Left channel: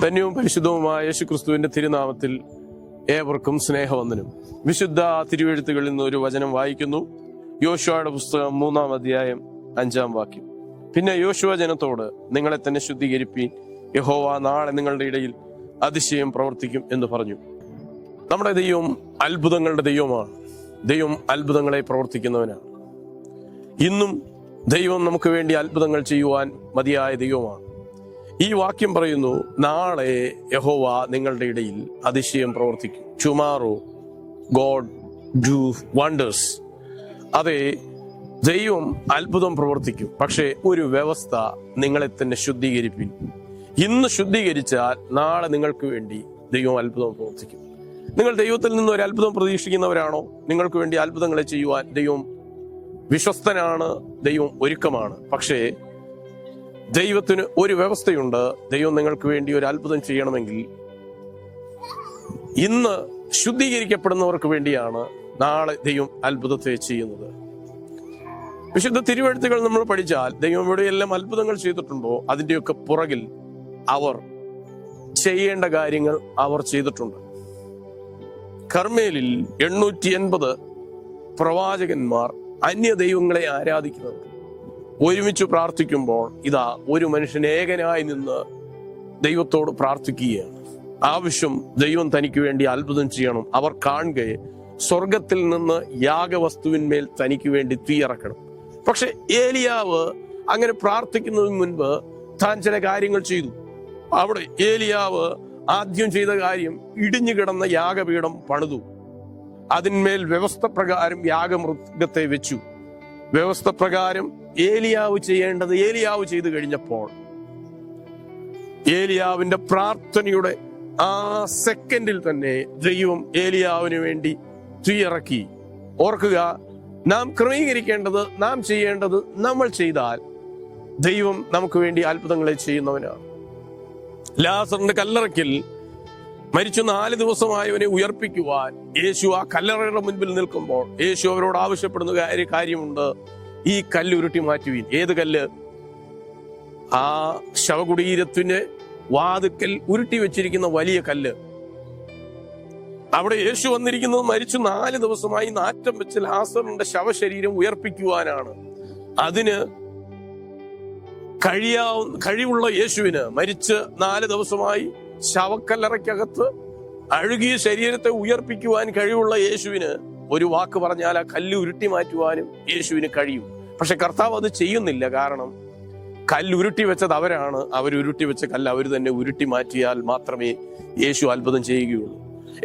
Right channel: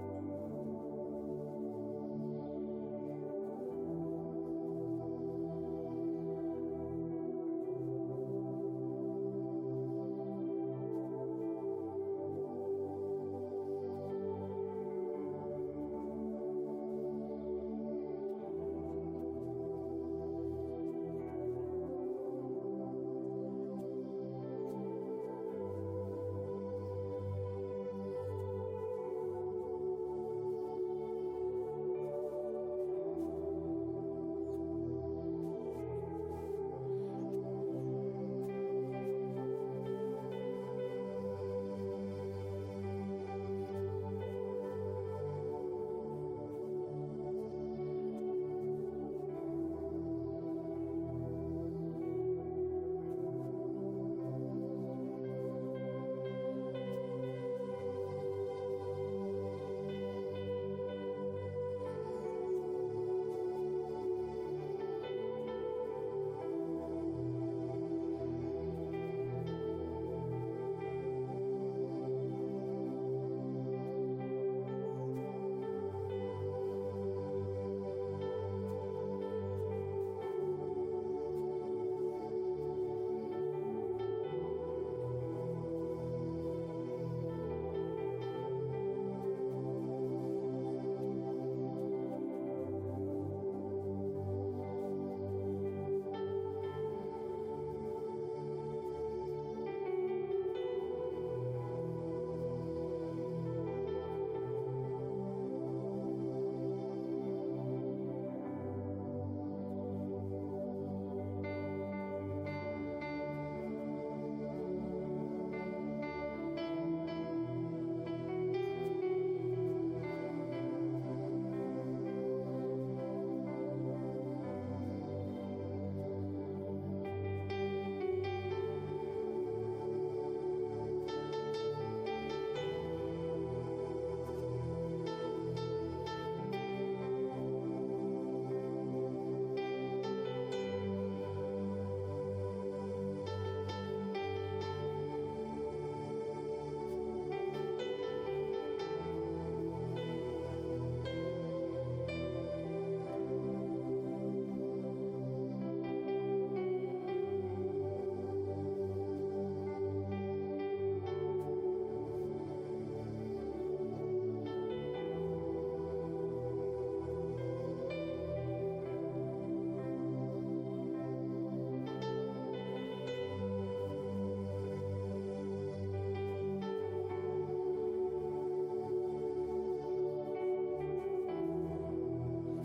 ധന്യവും പരിശുദ്ധവുമായ യേശുക്രിസ്തുവിന്റെ തിരുനാമത്തിൽ ഏവർക്കും സ്നേഹവന്ദനം. വിശുദ്ധ തിരുവെഴുത്തുകളിൽ നിന്ന് ഒരു വചനം വായിക്കുന്നു. യോശുവയുടെ പുസ്തകം 3-ാം അധ്യായം 5-ാം വാക്യം. പിന്നെ യോശുവ ജനത്തോട്, നിങ്ങളെ തന്നെ ശുദ്ധീകരിപ്പീൻ, യഹോവ നാളെ നിങ്ങളുടെ ഇടയിൽ അതിശയം പ്രവർത്തിക്കും എന്ന് പറഞ്ഞു. നമ്മുടെ ദൈവം അത്ഭുതങ്ങളുടെ ദൈവമാണ്. ദൈവം അത്ഭുതങ്ങളെ പ്രവർത്തിക്കുന്നവനാണ്. ഇന്നും ദൈവം നമുക്ക് വേണ്ടി അത്ഭുതങ്ങൾ ചെയ്യുവാൻ മതിയായ ദൈവമാണ്. ഈ വാക്യം പറയുന്നു, നാളെ യഹോവ നിങ്ങളുടെ ഇടയിൽ അതിശയം പ്രവർത്തിക്കും. Tomorrow God do wonders. അതെ, ദൈവം അത്ഭുതം പ്രവർത്തിക്കും. പക്ഷേ ഒരു വ്യവസ്ഥ, നിങ്ങളെ തന്നെ ശുദ്ധീകരിപ്പിൻ. ഇന്ന് ശുദ്ധീകരിച്ചാൽ നാളെ നിങ്ങൾക്ക് വേണ്ടി ദൈവം അത്ഭുതം പ്രവർത്തിക്കും. നിങ്ങൾ ദൈവത്തിൽ നിന്ന് ഒരു അത്ഭുതം പ്രതീക്ഷിക്കുന്നവരാണോ? നിങ്ങൾക്ക് വേണ്ടി അത്ഭുതങ്ങളെ ചെയ്യുവാൻ ദൈവം വിശ്വസ്തനാണ്, ദൈവം ഒരുക്കമാണ്. പക്ഷേ ദൈവത്തിന് ഒരു വ്യവസ്ഥയുണ്ട്. ദൈവം നിങ്ങൾക്ക് വേണ്ടി ഒരു അത്ഭുതം ചെയ്യണമെങ്കിൽ ഇന്ന് ശുദ്ധീകരിക്കപ്പെടുന്നവർക്ക് വേണ്ടിയാണ് നാളെ ദൈവം അത്ഭുതത്തെ ചെയ്യുന്നത്. വിശുദ്ധ തിരുവെഴുത്തുകൾ നമ്മൾ പഠിച്ചാൽ ദൈവം എവിടെയെല്ലാം അത്ഭുതങ്ങൾ ചെയ്തിട്ടുണ്ടോ അതിന്റെയൊക്കെ പുറകിൽ അവർ ചെയ്യേണ്ട കാര്യങ്ങൾ അവർ ചെയ്തിട്ടുണ്ട്. കർമ്മേലിൽ 880 പ്രവാചകന്മാർ അന്യ ദൈവങ്ങളെ ആരാധിക്കുന്നത് ഒരുമിച്ച് പ്രാർത്ഥിക്കുമ്പോൾ ഇതാ ഒരു മനുഷ്യൻ ഏകനായി നിന്ന് ദൈവത്തോട് പ്രാർത്ഥിക്കുകയാണ്. ആവശ്യം, ദൈവം തനിക്ക് വേണ്ടി അത്ഭുതം ചെയ്യണം. അവർ കാണുകയെ സ്വർഗത്തിൽ നിന്ന് യാഗവസ്തുവിന്മേൽ തനിക്ക് വേണ്ടി തീയിറക്കണം. പക്ഷെ ഏലിയാവ് അങ്ങനെ പ്രാർത്ഥിക്കുന്നതിന് മുൻപ് താൻ ചില കാര്യങ്ങൾ ചെയ്തു. അവിടെ ഏലിയാവ് ആദ്യം ചെയ്ത കാര്യം, ഇടിഞ്ഞു കിടന്ന യാഗപീഠം പണിതു. അതിന്മേൽ വ്യവസ്ഥ പ്രകാരം യാഗമൃഗത്തെ വെച്ചു. വ്യവസ്ഥ പ്രകാരം ഏലിയാവ് ചെയ്യേണ്ടത് ഏലിയാവ് ചെയ്തു കഴിഞ്ഞപ്പോൾ ഏലിയാവിന്റെ പ്രാർത്ഥനയുടെ ആ സെക്കൻഡിൽ തന്നെ ദൈവം ഏലിയാവിന് വേണ്ടി തീയിറക്കി. ഓർക്കുക, നാം ക്രമീകരിക്കേണ്ടത്, നാം ചെയ്യേണ്ടത് നമ്മൾ ചെയ്താൽ ദൈവം നമുക്ക് വേണ്ടി അത്ഭുതങ്ങളെ ചെയ്യുന്നവനാണ്. ലാസറിന്റെ കല്ലറയ്ക്കൽ മരിച്ചു 4 ദിവസമായവനെ ഉയർപ്പിക്കുവാൻ യേശു ആ കല്ലറയുടെ മുൻപിൽ നിൽക്കുമ്പോൾ യേശു അവരോട് ആവശ്യപ്പെടുന്ന കാര്യമുണ്ട്. ഈ കല്ല് ഉരുട്ടി മാറ്റുവീൻ. ഏത് കല്ല്? ആ ശവകുടീരത്തിന്റെ വാതുക്കൽ ഉരുട്ടി വെച്ചിരിക്കുന്ന വലിയ കല്ല്. അവിടെ യേശു വന്നിരിക്കുന്നത് മരിച്ചു 4 ദിവസമായി നാറ്റം വെച്ച് ലാസറിന്റെ ശവശരീരം ഉയർപ്പിക്കുവാനാണ്. അതിന് കഴിവുള്ള യേശുവിന്, മരിച്ച് 4 ദിവസമായി ശവക്കല്ലറയ്ക്കകത്ത് അഴുകിയ ശരീരത്തെ ഉയർപ്പിക്കുവാൻ കഴിവുള്ള യേശുവിന് ഒരു വാക്ക് പറഞ്ഞാൽ ആ കല്ല് ഉരുട്ടി മാറ്റുവാനും യേശുവിന് കഴിയും. പക്ഷെ കർത്താവ് അത് ചെയ്യുന്നില്ല. കാരണം കല്ലുരുട്ടി വെച്ചത് അവരാണ്. അവരുരുട്ടി വെച്ച കല്ല് അവർ തന്നെ ഉരുട്ടി മാറ്റിയാൽ മാത്രമേ യേശു അത്ഭുതം ചെയ്യുകയുള്ളൂ.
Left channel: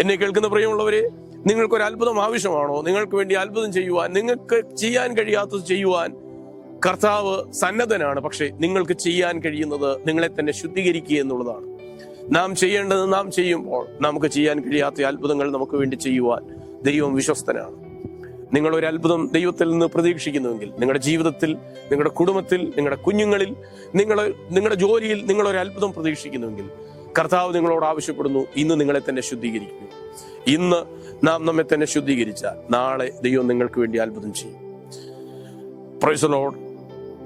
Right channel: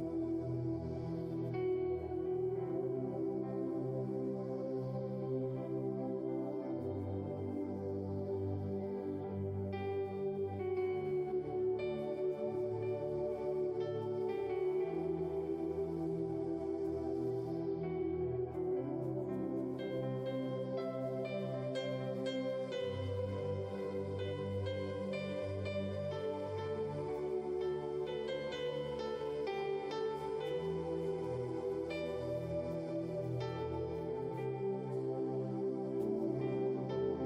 എന്നെ കേൾക്കുന്ന പ്രിയമുള്ളവരെ, നിങ്ങൾക്കൊരു അത്ഭുതം ആവശ്യമാണോ? നിങ്ങൾക്ക് വേണ്ടി അത്ഭുതം ചെയ്യുവാൻ, നിങ്ങൾക്ക് ചെയ്യാൻ കഴിയാത്തത് ചെയ്യുവാൻ കർത്താവ് സന്നദ്ധനാണ്. പക്ഷെ നിങ്ങൾക്ക് ചെയ്യാൻ കഴിയുന്നത് നിങ്ങളെ തന്നെ ശുദ്ധീകരിക്കുക എന്നുള്ളതാണ്. നാം ചെയ്യേണ്ടത് നാം ചെയ്യുമ്പോൾ നമുക്ക് ചെയ്യാൻ കഴിയാത്ത അത്ഭുതങ്ങൾ നമുക്ക് വേണ്ടി ചെയ്യുവാൻ ദൈവം വിശ്വസ്തനാണ്. നിങ്ങൾ ഒരു അത്ഭുതം ദൈവത്തിൽ നിന്ന് പ്രതീക്ഷിക്കുന്നുവെങ്കിൽ, നിങ്ങളുടെ ജീവിതത്തിൽ, നിങ്ങളുടെ കുടുംബത്തിൽ, നിങ്ങളുടെ കുഞ്ഞുങ്ങളിൽ, നിങ്ങളുടെ ജോലിയിൽ നിങ്ങൾ ഒരു അത്ഭുതം പ്രതീക്ഷിക്കുന്നുവെങ്കിൽ കർത്താവ് നിങ്ങളോട് ആവശ്യപ്പെടുന്നു, ഇന്ന് നിങ്ങളെ തന്നെ ശുദ്ധീകരിക്കുക. ഇന്ന് നാം നമ്മെ തന്നെ ശുദ്ധീകരിച്ചാൽ നാളെ ദൈവം നിങ്ങൾക്ക് വേണ്ടി അത്ഭുതം ചെയ്യും. Praise the Lord.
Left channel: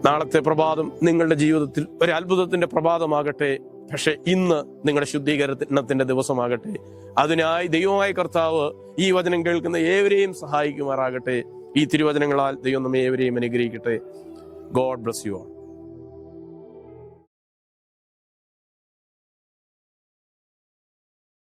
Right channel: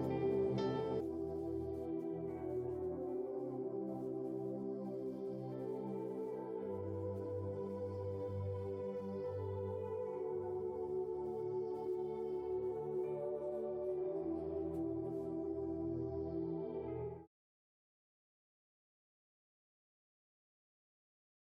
നാളത്തെ പ്രഭാതം നിങ്ങളുടെ ജീവിതത്തിൽ ഒരു അത്ഭുതത്തിന്റെ പ്രഭാതമാകട്ടെ. പക്ഷെ ഇന്ന് നിങ്ങളുടെ ശുദ്ധീകരണത്തിന്റെ ദിവസമാകട്ടെ. അതിനായി ദൈവമായ കർത്താവ് ഈ വചനം കേൾക്കുന്ന ഏവരെയും സഹായിക്കുമാറാകട്ടെ. ഈ തിരുവചനങ്ങളാൽ ദൈവം നമ്മെ ഏവരെയും അനുഗ്രഹിക്കട്ടെ. God bless you all.